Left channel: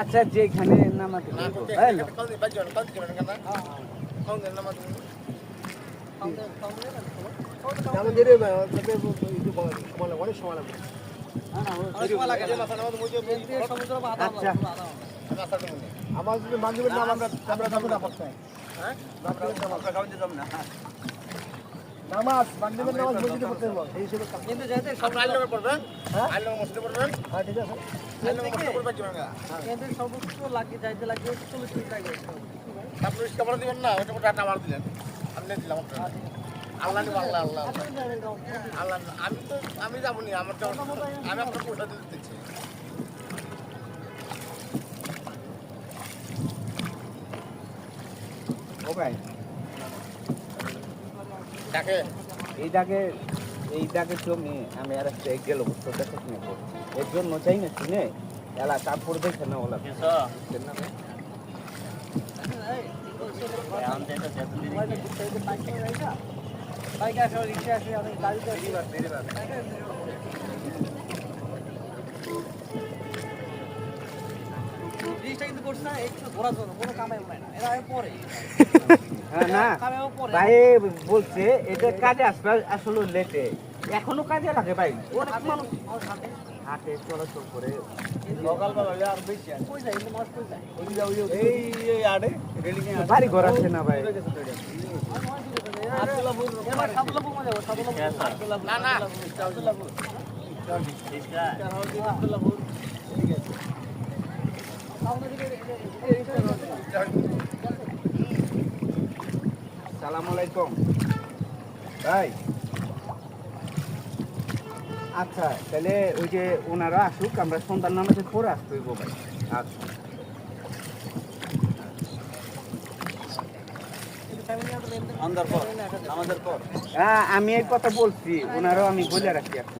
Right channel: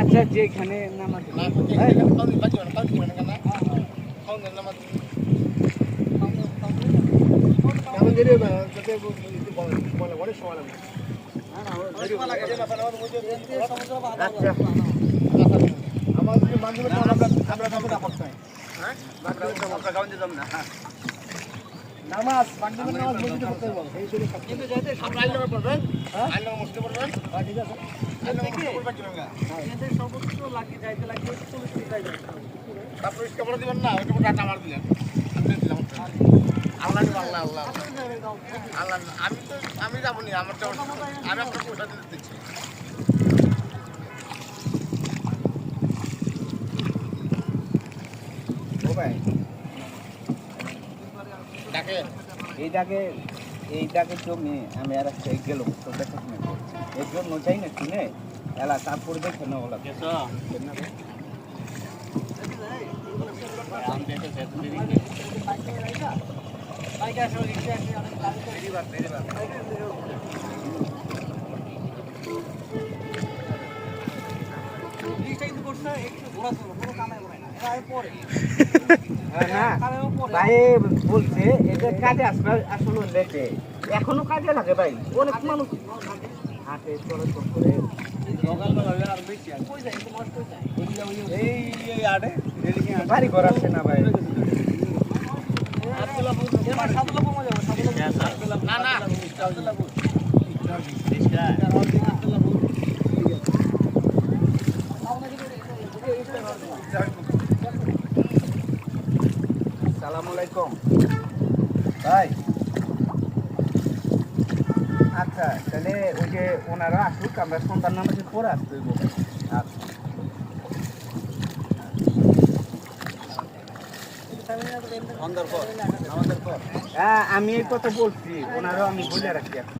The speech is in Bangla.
আচ্ছা যেখানে নামাজ অনেক সময় লাগবে। আমার যদি বান্ধবের নাম আমরা যাবো না করতে নামাজ বান্ধবের নামাজ মসজিদে পড়তে হবে এই ছিল কিন্তু যাইতে আমরা আইলে পড়বেন হ্যাঁ আইলে মসজিদে পড়বেন হ্যাঁ ঠিক আছে আইলে মসজিদে পড়বেন জোঙ্গা এদের সর্বোচ্চ লাগে যাইতে লাগে 40 টাকা যায় তারপর ইসকা বড় দিবেন না এটা টাকা মার দিলেন আপনি দিলাম আল্লাহ আল্লাহ আল্লাহ আল্লাহ আমি যাবো না আমার আমি আপনার পয়সা দিতে দিচ্ছি ও ভাই ডাকে এই ডাকে জমি আমি আর একটা গেল তো দেখা কিনে এর জন্য চাই না কিনে এলা তারপরে দেখে না ওলা ভাই বলছে এটা কাজে আসবে আসলে লেটে এখনো কাজে লাগে ভাই অনেক মানুষ হাটে চলাচল করে বাড়ি ঘর আসছে না ভাই সালাম আলাইকুম ভাই আচ্ছা তাহলে ওই যে ওনারা আসুক আমরা সন্তান নামাজের পরে আসতে হইব ভাই আচ্ছা হ্যাঁ আমি এই কথা বলছি ওনারাও আমি বলে রাখছি